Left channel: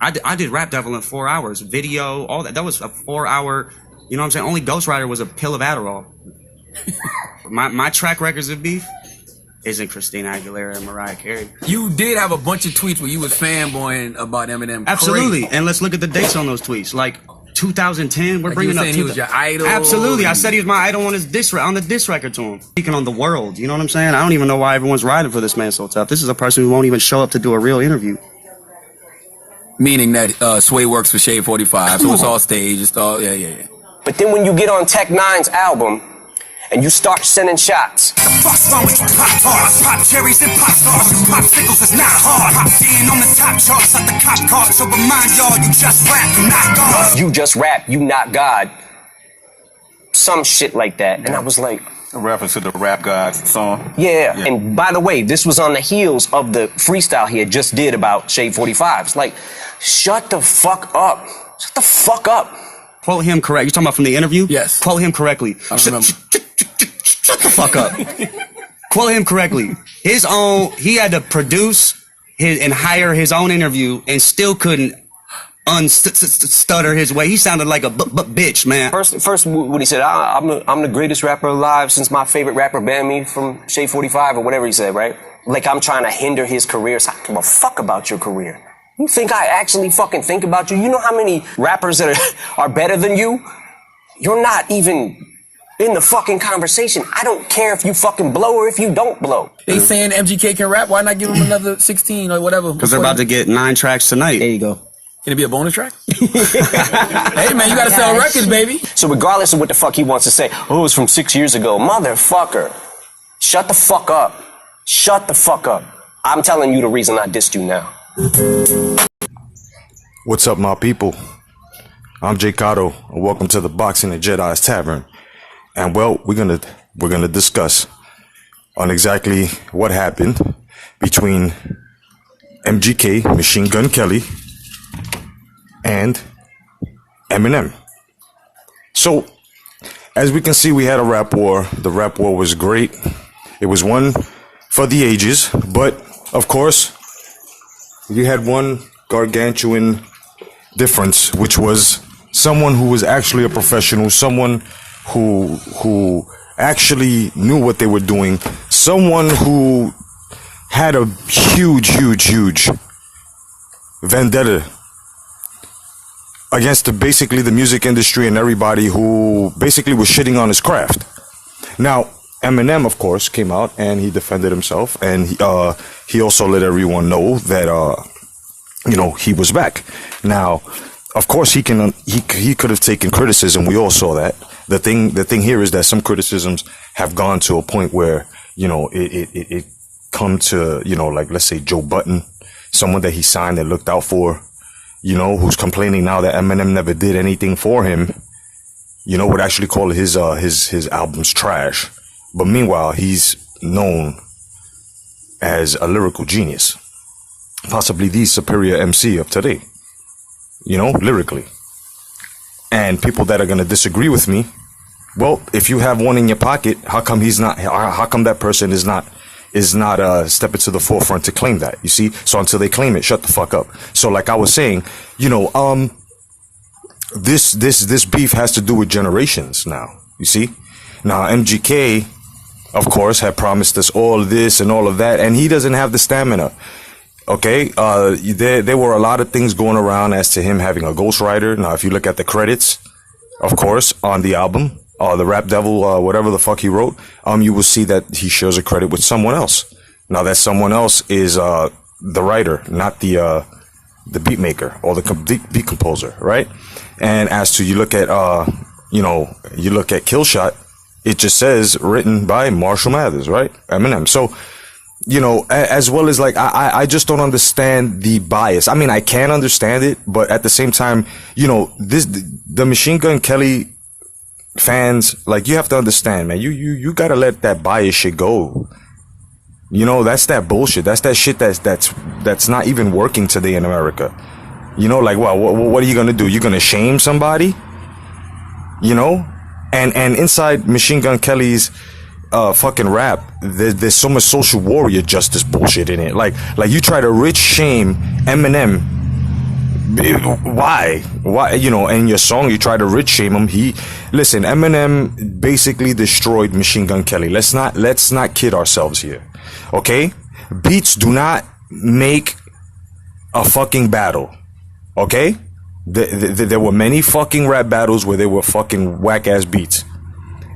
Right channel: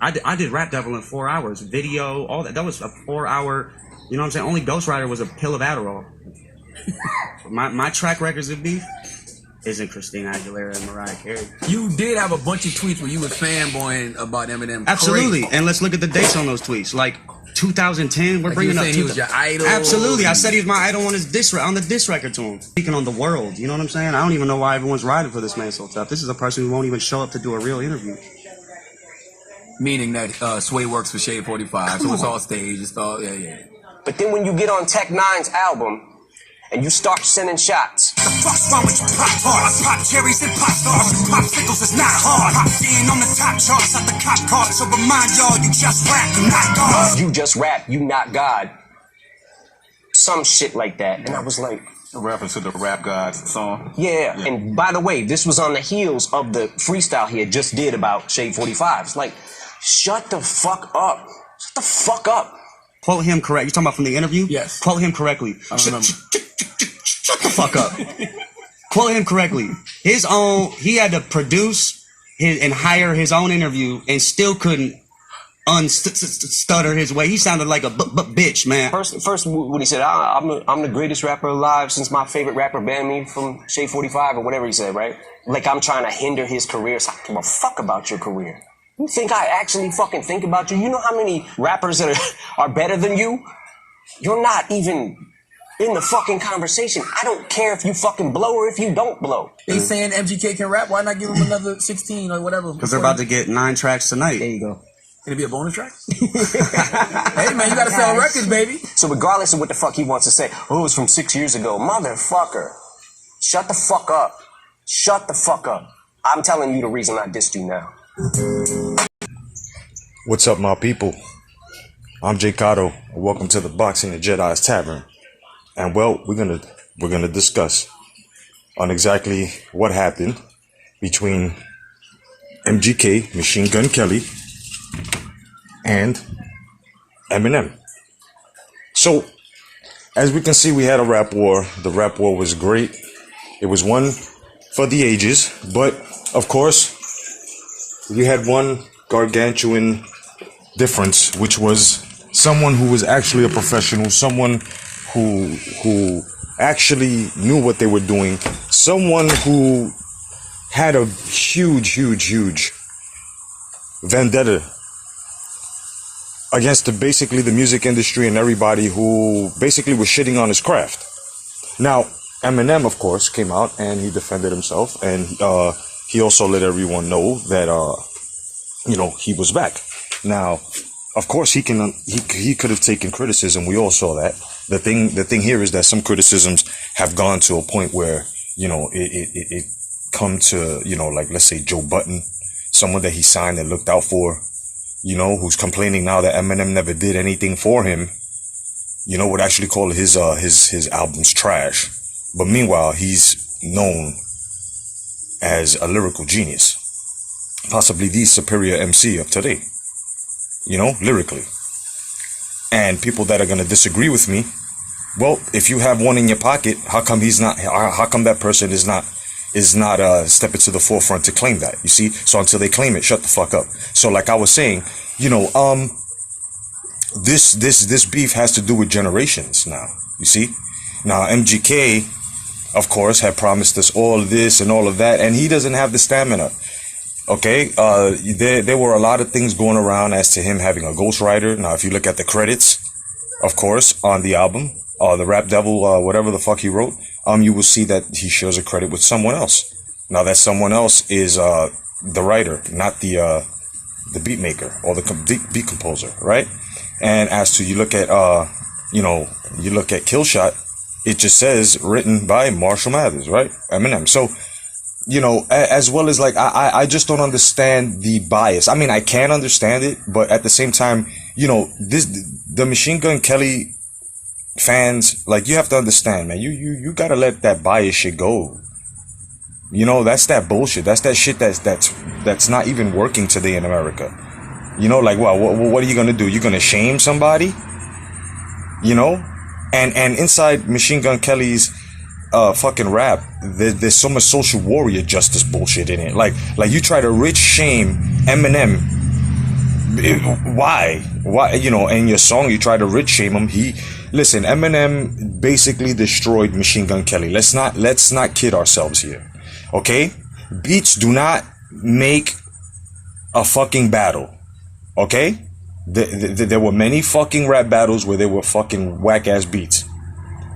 I did Rap Devil in 4 hours, video, all that. That was a 4-hour. You know what I'm saying? Only Ghost Rider was a pill of Adderall. my track records of beef isn't Christina Aguilera and Mariah Carey. You did have a bunch of tweets where you was fanboying about Eminem. Absolutely. Crazy. And let's look at the dates on those tweets. Like 2010, we're bringing up. He was your idol. Absolutely. I said he was my idol on his on the diss record to him. Speaking on the world, you know what I'm saying? I don't even know why everyone's riding for this man so tough. This is a person who won't even show up to do a real interview. Meaning that Sway works for Shade 45, so it's all staged. It's all yeah. But then when you get on Tech Nine's album and you start sending shots. The fuck's wrong with you pop bars? Pop cherries and pop stars. Popsicles is not hard. Pop in on the top charts at the cop car. So remind y'all, you just rap, you not God. You just rap, you not God. Some shit like that. And I was like... A reference to the Rap God song? Yeah. And by the way, this was on the heels of the freestyle he had just did about Shade 45. It's like, shut the fuck up. Shut the fuck up. Quote him correct. You're talking about from the interview? Yes. Quote him correctly. I remember. Shut the fuck up. Quote him correctly. He had to produce and hire his own interview and still couldn't stutter his way. He sounded like a bitch, man. First, what he said, I'm the greatest rapper alive since my favorite rapper banned me from Shade 45 or whatever he said, right? Like I'm trying to hinder his career. So I don't give a fuck about your career. You think I actually fucking think about you? You know how many rappers that are better than you? You're not even in the fucking conversation. I don't care if you fucking blow or if you don't blow. They saying MGK can rap. Why not give him another 16 or whatever? Because they're about to get 9 tracks tonight. There you go. Can it be a bonus track? Hey, man, you gotta sell records, baby. So regardless of what the fuck he wants to say, oh, it was from 6 years ago. Motherfucker. Shut the fuck up. Shut the fuck up. I'm telling you the reason I dissed you now. What's up, my people? I'm Jay Cotto, and welcome to the Boxing and Jedi's Tavern. And well, we're gonna discuss on exactly what happened between MGK, Machine Gun Kelly, and Eminem. So, as we can see, we had a rap war. The rap war was great. It was one for the ages, but of course, you had one gargantuan difference, which was someone who was actually a professional, someone who actually knew what they were doing, someone who had a huge vendetta against basically the music industry and everybody who basically was shitting on his craft. Now, Eminem, of course, came out and he defended himself, and he also let everyone know that he was back. Now, of course, he could have taken criticism. We all saw that. The thing here is that some criticisms have gone to a point where it come to like, let's say Joe Budden, someone that he signed and looked out for, who's complaining now that Eminem never did anything for him, would actually call his albums trash. But meanwhile, he's known as a lyrical genius, possibly the superior MC of today, lyrically. And people that are going to disagree with me, well, if you have one in your pocket, how come that person is not stepping to the forefront to claim that? You see? So until they claim it, shut the fuck up. So like I was saying, this beef has to do with generations now. You see? Now MGK, of course, had promised us all this and all of that, and he doesn't have the stamina. Okay, there were a lot of things going around as to him having a ghostwriter. Now, if you look at the credits, of course, on the album, the Rap Devil, whatever the fuck he wrote, you will see that he shares a credit with someone else. Now, that someone else is the writer, not the beat maker or the beat composer, right? And as to you look at Killshot, it just says written by Marshall Mathers, right? Eminem. So, as well as like, I just don't understand the bias. I mean, I can understand it, but at the same time, the Machine Gun Kelly fans, like, you have to understand, man, you gotta let that bias shit go. That's that bullshit. That's that shit that's not even working today in America. Like, what are you gonna do? You're gonna shame somebody? And inside Machine Gun Kelly's fucking rap, there's so much social warrior justice bullshit in it. Like you try to rich shame Eminem Why? You know, in your song, you try to rich shame him. Listen, Eminem basically destroyed Machine Gun Kelly. Let's not kid ourselves here. Okay? Beats do not make a fucking battle. Okay? There were many fucking rap battles where they were fucking whack ass beats.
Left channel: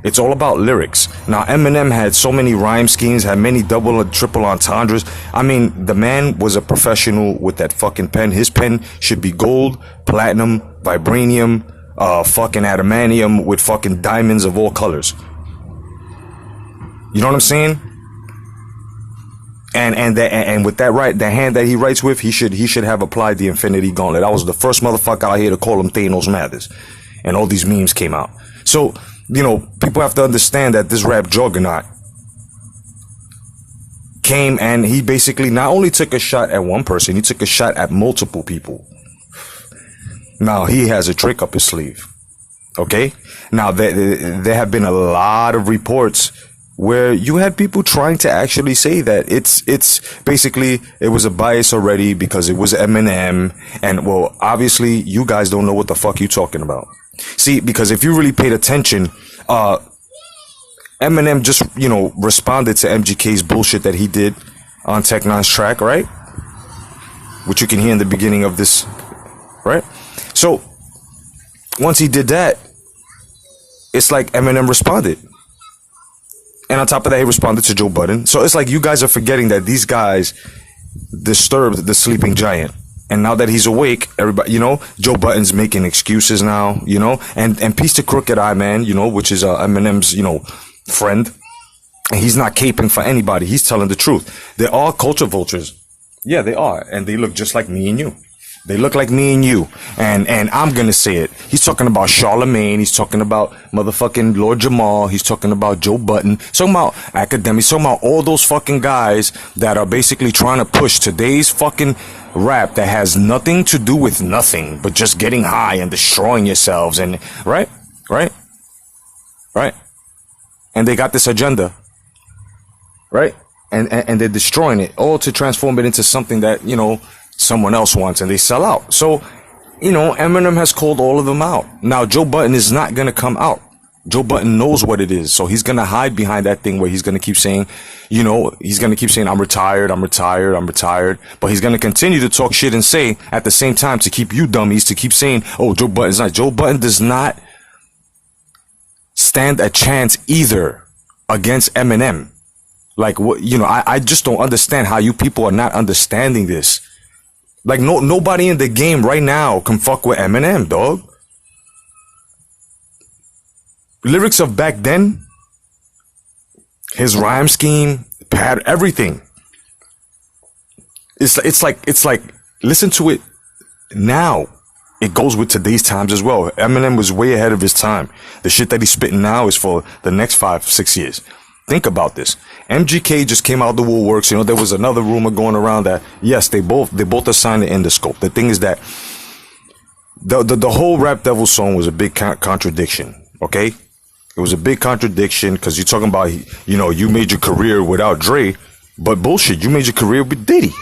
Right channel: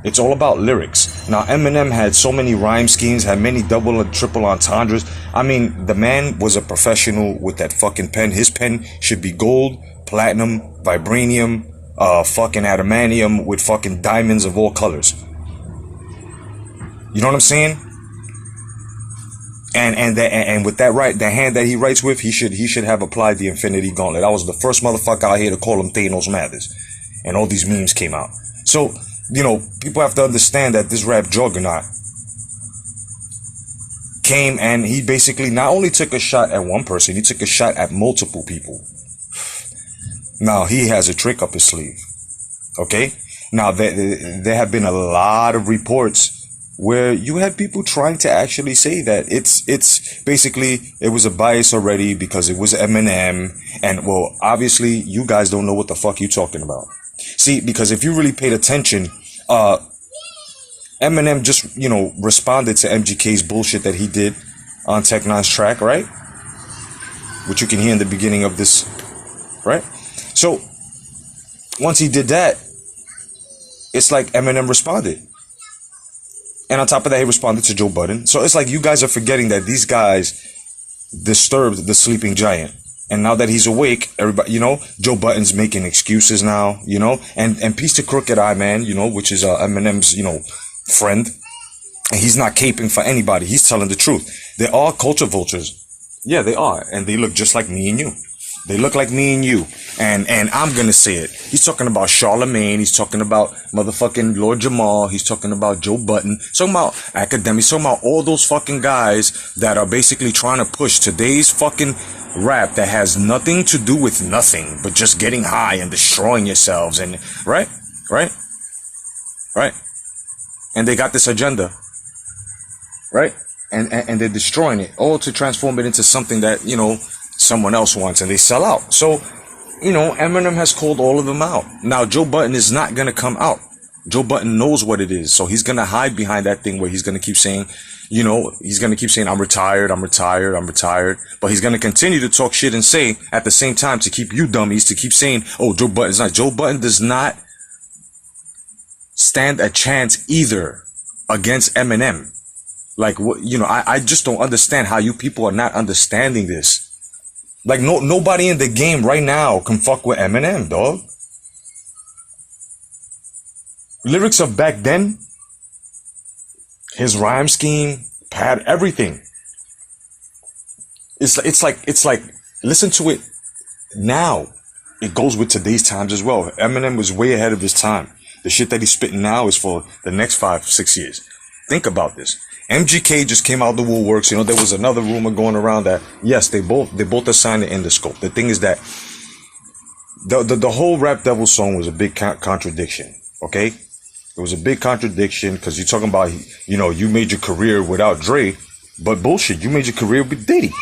It's all about lyrics. Now, Eminem had so many rhyme schemes, had many double and triple entendres. I mean, the man was a professional with that fucking pen. His pen should be gold, platinum, vibranium, fucking adamantium with fucking diamonds of all colors. You know what I'm saying? And with that the hand that he writes with, he should have applied the Infinity Gauntlet. I was the first motherfucker out here to call him Thanos Mathers, and all these memes came out. So, you know, people have to understand that this rap juggernaut came and he basically not only took a shot at one person, he took a shot at multiple people. Now, he has a trick up his sleeve. Okay? Now, there have been a lot of reports where you had people trying to actually say that it's basically, it was a bias already because it was Eminem. And, well, obviously, you guys don't know what the fuck you talking about. See, because if you really paid attention, Eminem just, you know, responded to MGK's bullshit that he did on Tech Nine's track, right? Which you can hear in the beginning of this, right? So, once he did that, it's like Eminem responded. And on top of that, he responded to Joe Budden. So it's like you guys are forgetting that these guys disturbed the sleeping giant. And now that he's awake, everybody, you know, Joe Budden's making excuses now, you know, and peace to Crooked Eye Man, you know, which is Eminem's, you know, friend. And he's not caping for anybody. He's telling the truth. They are culture vultures. Yeah, they are. And they look just like me and you. They look like me and you. And I'm going to say it. He's talking about Charlemagne. He's talking about motherfucking Lord Jamal. He's talking about Joe Budden. He's talking about academics. He's talking about all those fucking guys that are basically trying to push today's fucking rap that has nothing to do with nothing but just getting high and destroying yourselves. And right. And they got this agenda. Right. And they're destroying it all to transform it into something that, you know, someone else wants, and they sell out. So, you know, Eminem has called all of them out. Now, Joe Budden is not going to come out. Joe Budden knows what it is. So he's going to hide behind that thing where he's going to keep saying, you know, he's going to keep saying, I'm retired. But he's going to continue to talk shit and say at the same time to keep you dummies to keep saying, oh, Joe Budden's not. Joe Budden does not stand a chance either against Eminem. Like, what, you know, I just don't understand how you people are not understanding this. Like, nobody in the game right now can fuck with Eminem, dog. Lyrics of back then, his rhyme scheme, everything. It's like, listen to it now. It goes with today's times as well. Eminem was way ahead of his time. The shit that he's spitting now is for the next 5-6 years. Think about this. MGK just came out the woolworks. You know, there was another rumor going around that, yes, they both are signed to Interscope. The thing is that the whole Rap Devil song was a big contradiction, okay? It was a big contradiction because you're talking about, you know, you made your career without Dre, but bullshit, you made your career with Diddy.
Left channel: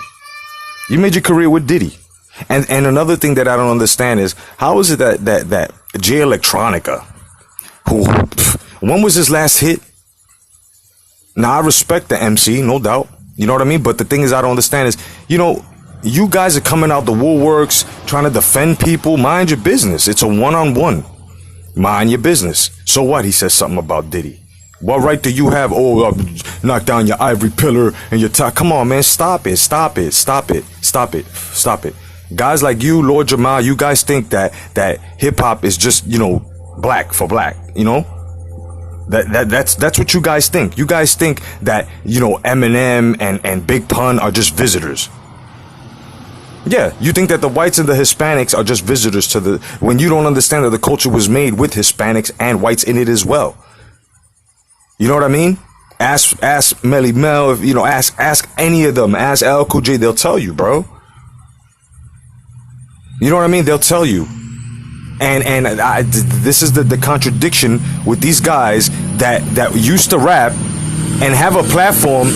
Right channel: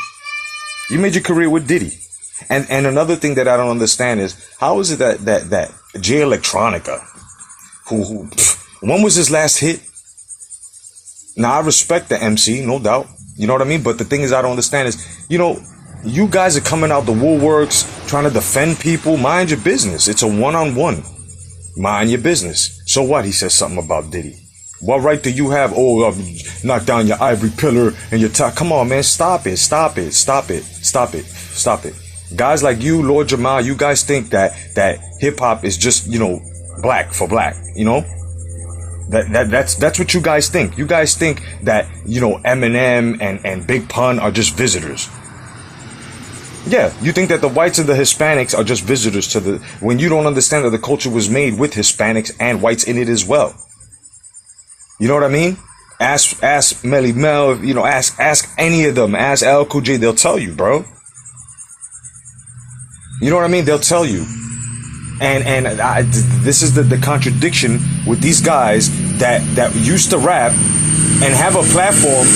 And another thing that I don't understand is, how is it that Jay Electronica, who, when was his last hit? Now, I respect the MC, no doubt. You know what I mean? But the thing is, I don't understand is, you know, you guys are coming out the woolworks trying to defend people. Mind your business. It's a one-on-one. Mind your business. So what? He says something about Diddy. What right do you have? Oh, knock down your ivory pillar and your top. Come on, man. Stop it. Guys like you, Lord Jamal, you guys think that hip-hop is just, you know, black for black, you know? That's what you guys think. You guys think that, you know, Eminem and Big Pun are just visitors. Yeah, you think that the whites and the Hispanics are just visitors to when you don't understand that the culture was made with Hispanics and whites in it as well. You know what I mean? Ask Melly Mel, you know, ask any of them, ask Al Cool J, they'll tell you, bro. You know what I mean? They'll tell you. And this is the contradiction with these guys that used to rap and have a platform,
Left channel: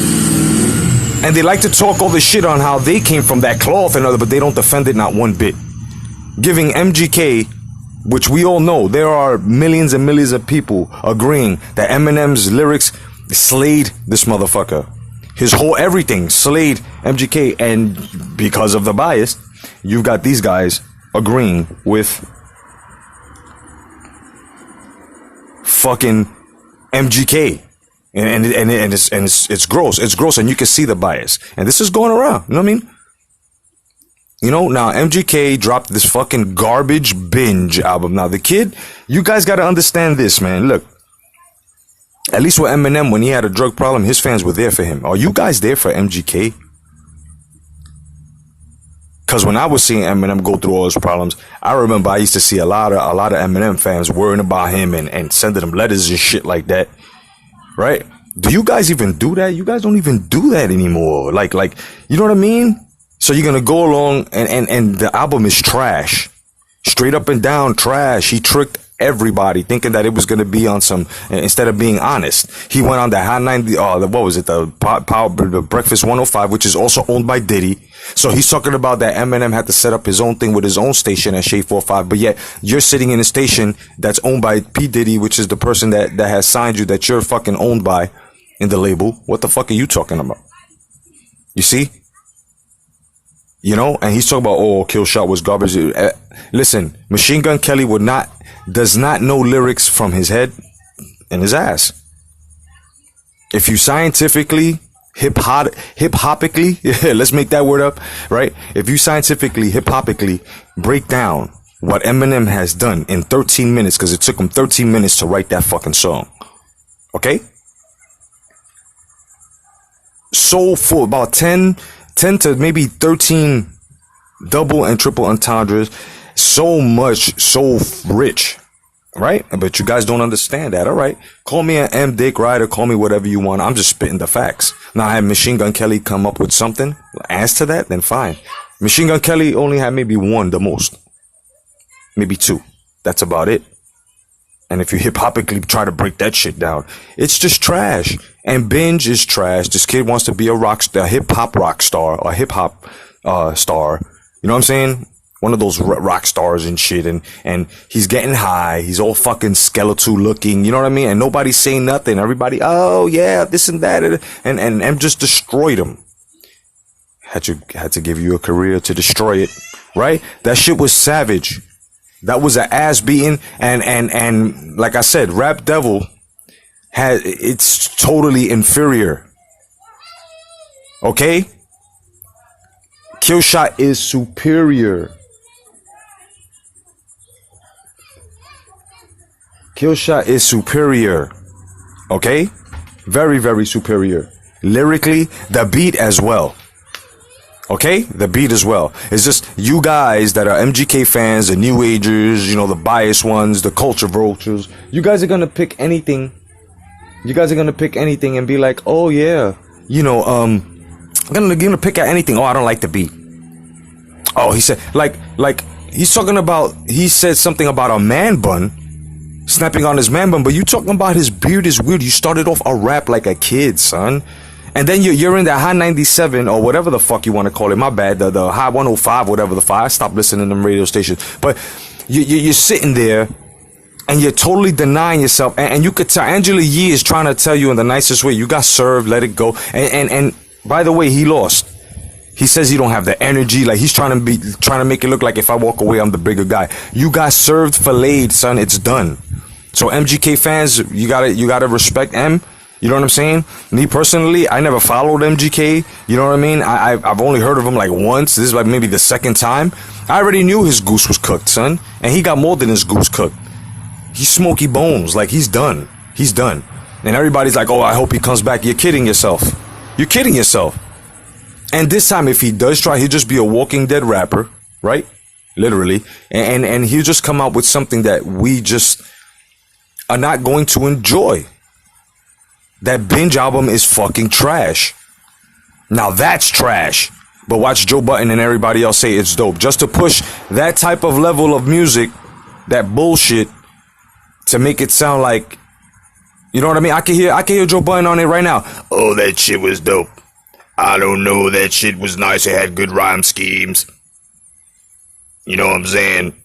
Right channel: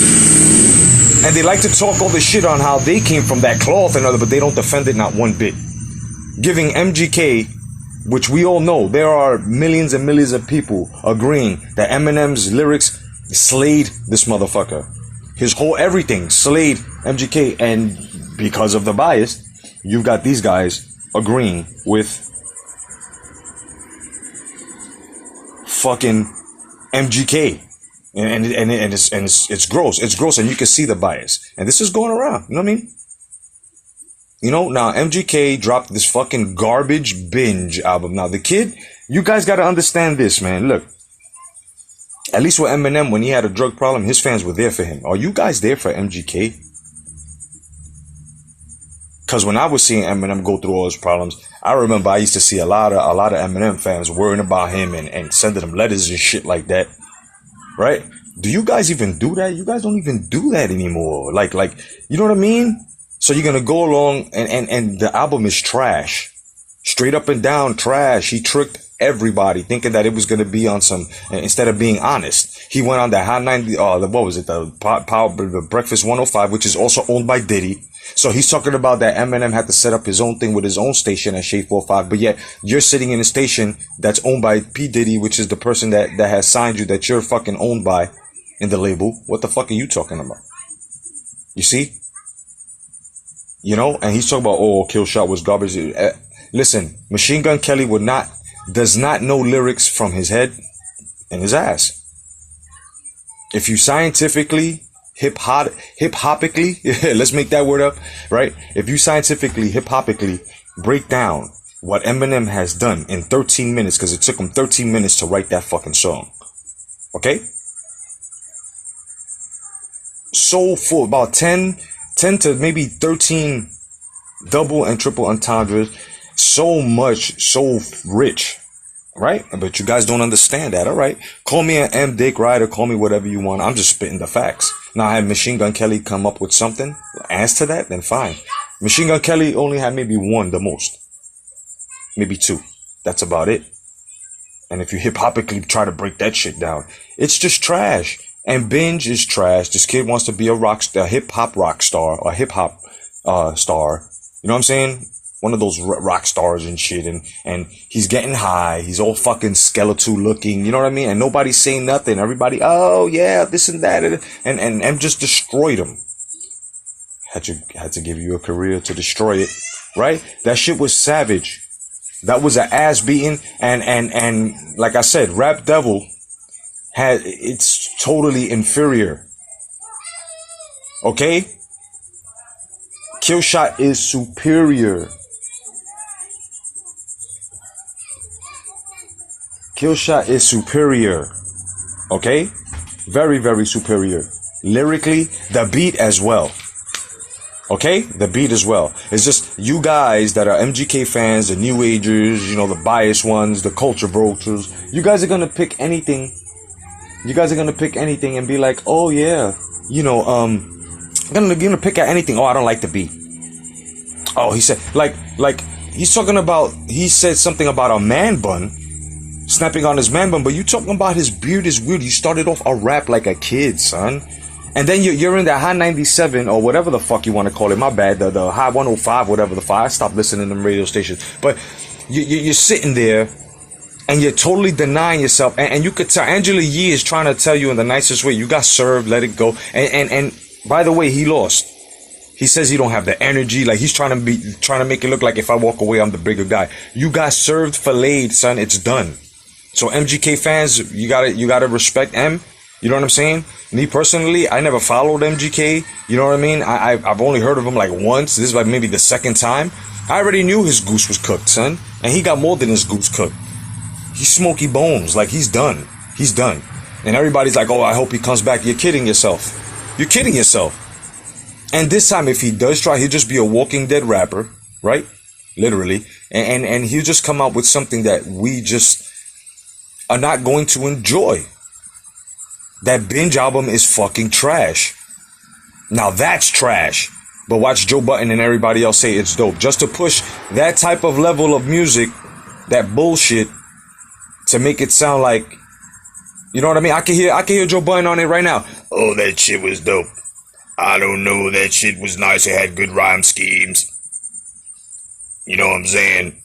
and they like to talk all this shit on how they came from that cloth and other, but they don't defend it not one bit. giving MGK, which we all know, there are millions and millions of people agreeing that Eminem's lyrics slayed this motherfucker. His whole everything slayed MGK, and because of the bias, you've got these guys agreeing with fucking MGK. And it's gross. It's gross, and you can see the bias. And this is going around. You know what I mean? You know, now MGK dropped this fucking garbage binge album. Now the kid, you guys got to understand this, man. Look, at least with Eminem, when he had a drug problem, his fans were there for him. Are you guys there for MGK? Because when I was seeing Eminem go through all his problems, I remember I used to see a lot of Eminem fans worrying about him and sending him letters and shit like that. Right? Do you guys even do that? You guys don't even do that anymore. Like, you know what I mean? So you're gonna go along and the album is trash. Straight up and down trash. He tricked everybody thinking that it was gonna be on some, instead of being honest. He went on the Hot 90, what was it? The Breakfast 105, which is also owned by Diddy. So he's talking about that Eminem had to set up his own thing with his own station at Shade 45, but yet you're sitting in a station that's owned by P. Diddy, which is the person that has signed you, that you're fucking owned by in the label. What the fuck are you talking about? You see? You know, and he's talking about, oh, Kill Shot was garbage. Listen, Machine Gun Kelly does not know lyrics from his head and his ass. If you scientifically, hip-hopically, let's make that word up, right? If you scientifically, hip-hopically break down what Eminem has done in 13 minutes, because it took him 13 minutes to write that fucking song, okay? So full, about 10 to maybe 13 double and triple entendres, so much, so rich. Right? But you guys don't understand that. All right. Call me an M Dick Rider. Call me whatever you want. I'm just spitting the facts. Now, had Machine Gun Kelly come up with something as to that, then fine. Machine Gun Kelly only had maybe one, the most. Maybe two. That's about it. And if you hip-hopically try to break that shit down, it's just trash. And Binge is trash. This kid wants to be a hip-hop rock star, a hip-hop star. You know what I'm saying? One of those rock stars and shit, and he's getting high. He's all fucking skeletal looking, you know what I mean? And nobody's saying nothing. Everybody, oh yeah, this and that, and just destroyed him. Had to give you a career to destroy it, right? That shit was savage. That was an ass beating, and like I said, Rap Devil it's totally inferior. Okay? Kill Shot is superior. Kill Shot is superior. Okay? Very, very superior. Lyrically, the beat as well. Okay? The beat as well. It's just you guys that are MGK fans, the New Agers, you know, the biased ones, the culture vultures. You guys are gonna pick anything. You guys are gonna pick anything and be like, oh yeah, you know, I'm gonna pick at anything. Oh, I don't like the beat. Oh, he said, like, he's talking about, he said something about a man bun. Snapping on his man bun, but you talking about his beard is weird. You started off a rap like a kid, son. And then you're in the High 97 or whatever the fuck you want to call it. My bad. The High 105, whatever the fuck. I stopped listening to them radio stations. But you're sitting there and you're totally denying yourself. And you could tell Angela Yee is trying to tell you in the nicest way, you got served, let it go. And by the way, he lost. He says he don't have the energy. Like he's trying to make it look like if I walk away, I'm the bigger guy. You got served, filleted, son. It's done. So MGK fans, you gotta respect M. You know what I'm saying? Me personally, I never followed MGK. You know what I mean? I've only heard of him like once. This is like maybe the second time. I already knew his goose was cooked, son. And he got more than his goose cooked. He's smoky bones. Like he's done. He's done. And everybody's like, oh, I hope he comes back. You're kidding yourself. You're kidding yourself. And this time, if he does try, he'll just be a Walking Dead rapper, right? Literally. And he'll just come out with something that we just are not going to enjoy. That Binge album is fucking trash. Now that's trash. But watch Joe Budden and everybody else say it's dope. Just to push that type of level of music, that bullshit, to make it sound like, you know what I mean? I can hear Joe Budden on it right now. Oh, that shit was dope. I don't know, that shit was nice. It had good rhyme schemes. You know what I'm saying?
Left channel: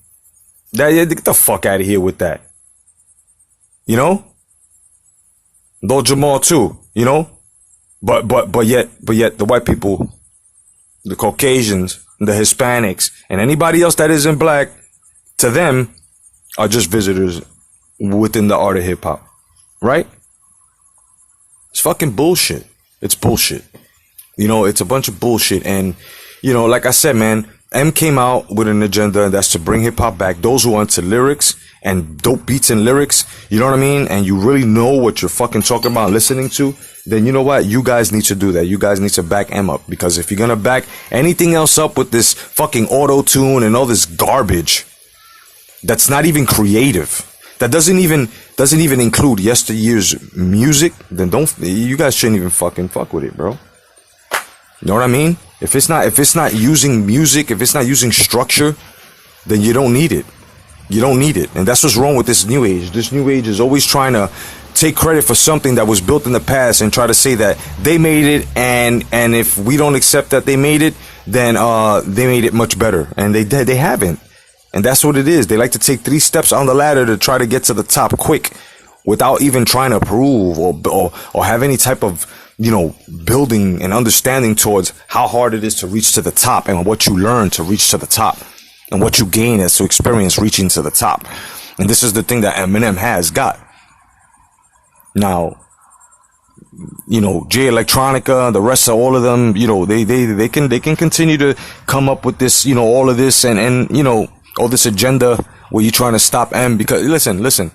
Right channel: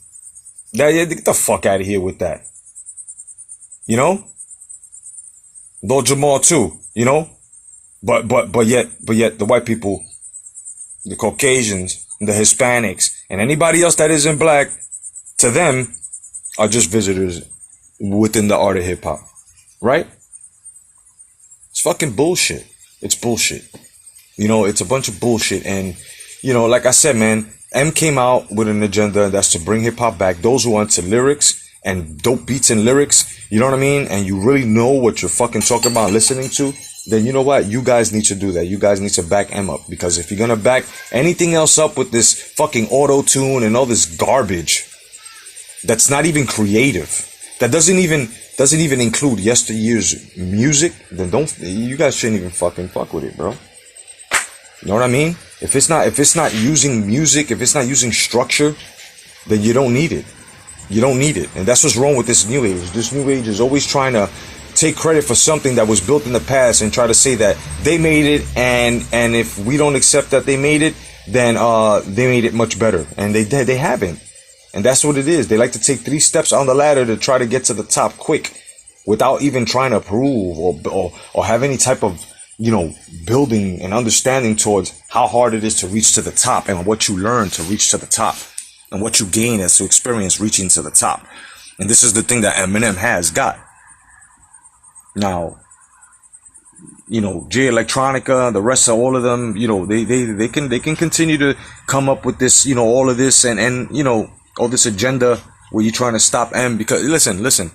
Get the fuck out of here with that. You know? Lord Jamal too, you know? But yet the white people, the Caucasians, the Hispanics, and anybody else that isn't black, to them, are just visitors within the art of hip hop. Right? It's fucking bullshit. It's bullshit. You know, it's a bunch of bullshit. And, you know, like I said, man, M came out with an agenda, and that's to bring hip hop back. Those who are into lyrics and dope beats and lyrics, you know what I mean? And you really know what you're fucking talking about, listening to, then you know what? You guys need to do that. You guys need to back M up. Because if you're gonna back anything else up with this fucking auto-tune and all this garbage that's not even creative, that doesn't even include yesteryear's music, then you guys shouldn't even fucking fuck with it, bro. You know what I mean? If it's not using music, if it's not using structure, then you don't need it. You don't need it. And that's what's wrong with this new age. This new age is always trying to take credit for something that was built in the past and try to say that they made it, and if we don't accept that they made it, then they made it much better. And they haven't. And that's what it is. They like to take 3 steps on the ladder to try to get to the top quick without even trying to prove or have any type of, you know, building and understanding towards how hard it is to reach to the top and what you learn to reach to the top and what you gain as to experience reaching to the top. And this is the thing that Eminem has got. Now, you know, J Electronica, the rest of all of them, you know, they can continue to come up with this, you know, all of this and you know, all this agenda where you're trying to stop M. Because listen.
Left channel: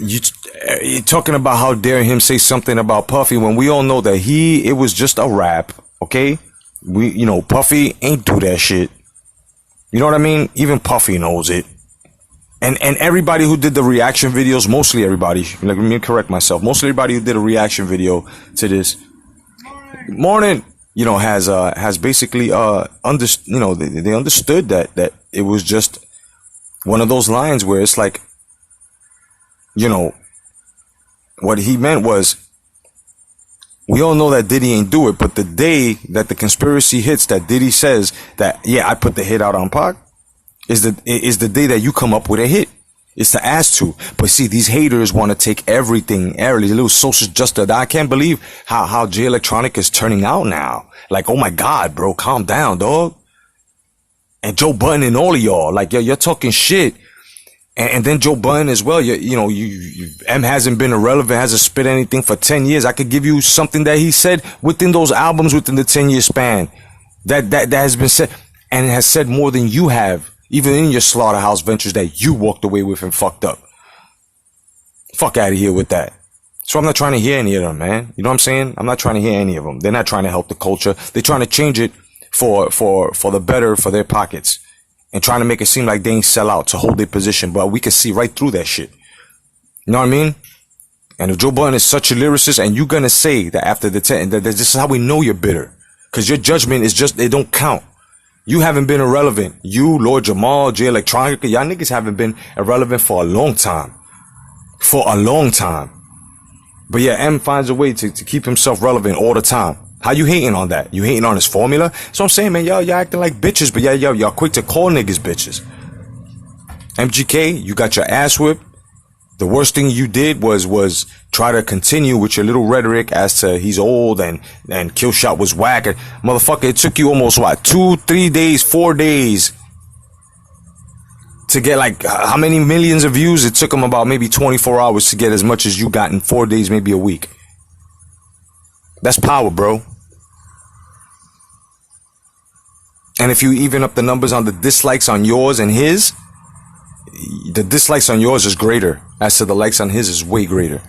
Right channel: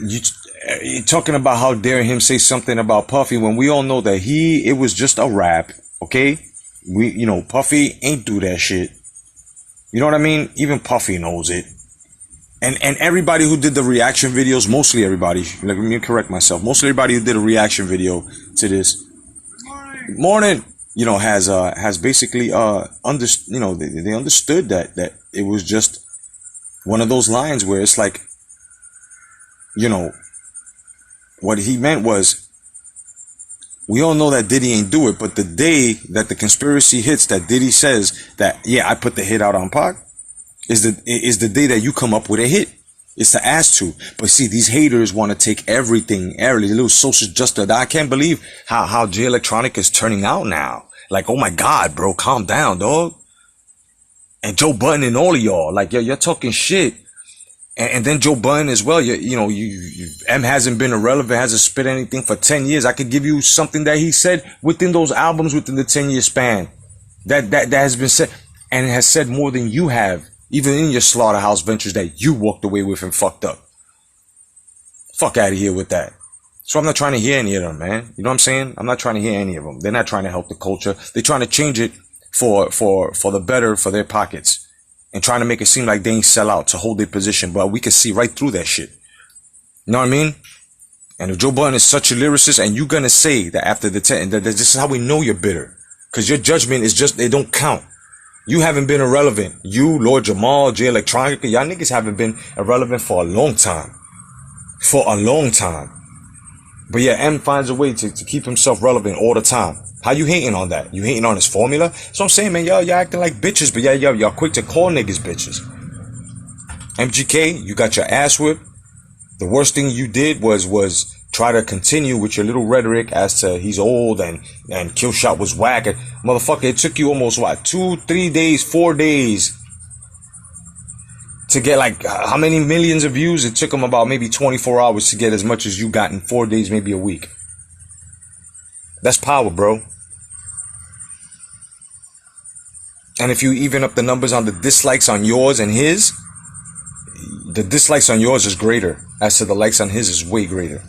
You're talking about how dare him say something about Puffy when we all know that it was just a rap, okay? You know, Puffy ain't do that shit. You know what I mean? Even Puffy knows it. And everybody who did the reaction videos, mostly everybody, let me correct myself, mostly everybody who did a reaction video to this, morning, you know, has basically you know, they understood that it was just one of those lines where it's like, you know, what he meant was, we all know that Diddy ain't do it, but the day that the conspiracy hits, that Diddy says that, yeah, I put the hit out on Pac, is the day that you come up with a hit. It's to ask to. But see, these haters want to take everything, these little social justice. I can't believe how J Electronica is turning out now. Like, oh my God, bro, calm down, dog. And Joe Budden and all of y'all, like, you're talking shit. And then Joe Budden as well. You know, M hasn't been irrelevant, hasn't spit anything for 10 years. I could give you something that he said within those albums within the 10-year span that has been said, and has said more than you have, even in your slaughterhouse ventures that you walked away with and fucked up. Fuck out of here with that. So I'm not trying to hear any of them, man. You know what I'm saying? I'm not trying to hear any of them. They're not trying to help the culture. They're trying to change it for the better for their pockets. And trying to make it seem like they ain't sell out to hold their position, but we can see right through that shit. You know what I mean? And if Joe Budden is such a lyricist, and you're gonna say that after the 10, that this is how we know you're bitter. Because your judgment is just, they don't count. You haven't been irrelevant. You, Lord Jamal, J Electronica, y'all niggas haven't been irrelevant for a long time. For a long time. But yeah, M finds a way to keep himself relevant all the time. How you hating on that? You hating on his formula? So I'm saying, man, y'all acting like bitches, but y'all quick to call niggas bitches. MGK, you got your ass whipped. The worst thing you did was try to continue with your little rhetoric as to he's old and Killshot was whack. Motherfucker, it took you almost, 2, 3 days, 4 days to get like how many millions of views? It took him about maybe 24 hours to get as much as you got in 4 days, maybe a week. That's power, bro. And if you even up the numbers on the dislikes on yours and his, the dislikes on yours is greater as to the likes on his is way greater.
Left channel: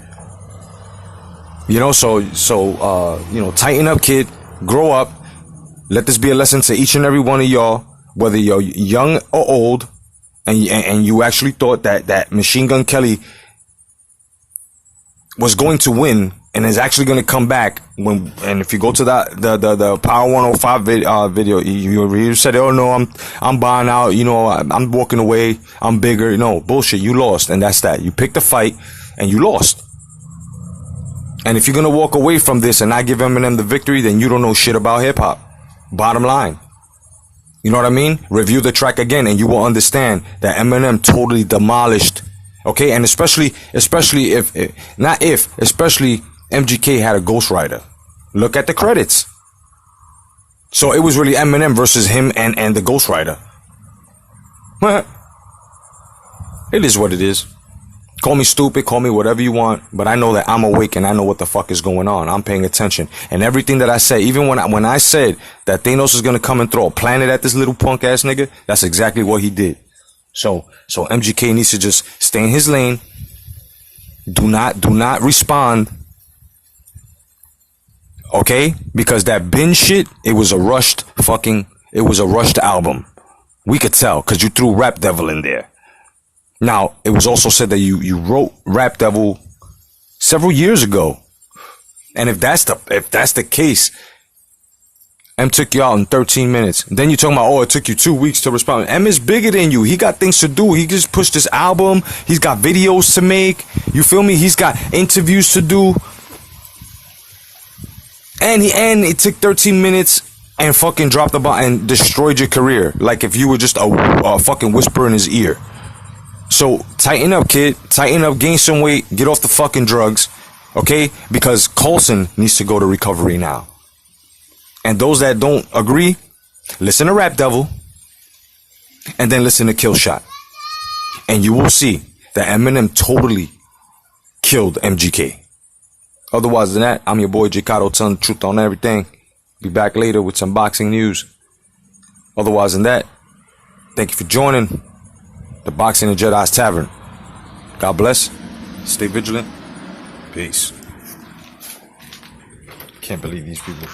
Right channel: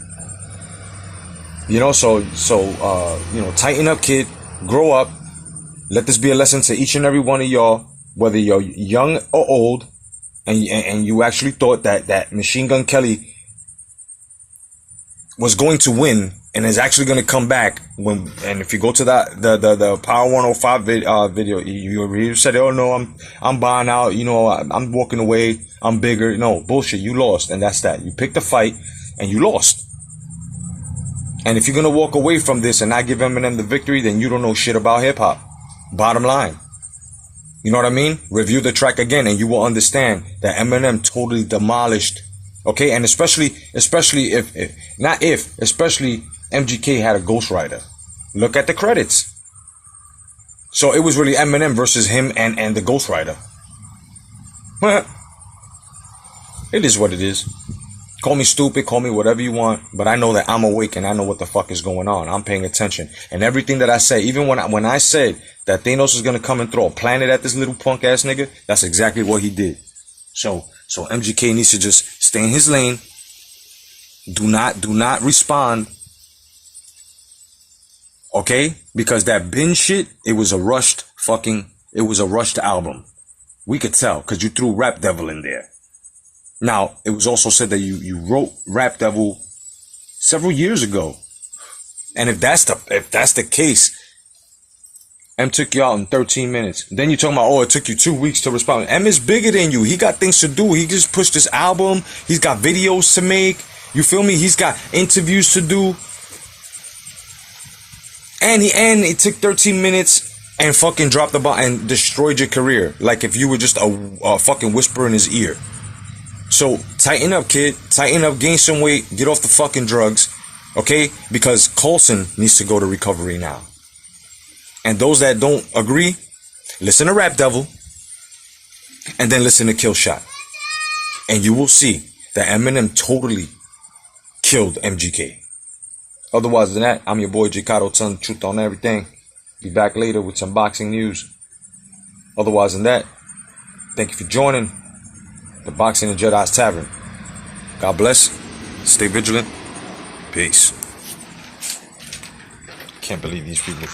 You know, so you know, tighten up, kid. Grow up. Let this be a lesson to each and every one of y'all, whether you're young or old, and you actually thought that Machine Gun Kelly was going to win and is actually going to come back and if you go to the Power 105 video, you said, oh no, I'm buying out, you know, I'm walking away, I'm bigger. No, bullshit, you lost, and that's that. You picked the fight and you lost. And if you're going to walk away from this and not give Eminem the victory, then you don't know shit about hip hop. Bottom line. You know what I mean? Review the track again and you will understand that Eminem totally demolished. Okay, and especially especially MGK had a ghostwriter. Look at the credits. So it was really Eminem versus him and the ghostwriter. It is what it is. Call me stupid, call me whatever you want, but I know that I'm awake and I know what the fuck is going on. I'm paying attention. And everything that I say, even when I said that Thanos is gonna come and throw a planet at this little punk ass nigga, that's exactly what he did. So MGK needs to just stay in his lane. Do not respond. Okay? Because that bin shit, it was a rushed album. We could tell, because you threw Rap Devil in there. Now, it was also said that you wrote Rap Devil several years ago. And if that's the case, M took you out in 13 minutes. Then you're talking about, it took you 2 weeks to respond. M is bigger than you. He got things to do. He just pushed this album. He's got videos to make. You feel me? He's got interviews to do. And it took 13 minutes and fucking dropped the bomb and destroyed your career. Like if you were just a fucking whisper in his ear. So tighten up, kid. Tighten up, gain some weight, get off the fucking drugs. Okay? Because Coulson needs to go to recovery now. And those that don't agree, listen to Rap Devil. And then listen to Kill Shot. And you will see that Eminem totally killed MGK. Otherwise than that, I'm your boy Jicado telling the truth on everything. Be back later with some boxing news. Otherwise than that, thank you for joining the Boxing and Jedi's Tavern. God bless. Stay vigilant. Peace. Can't believe these people.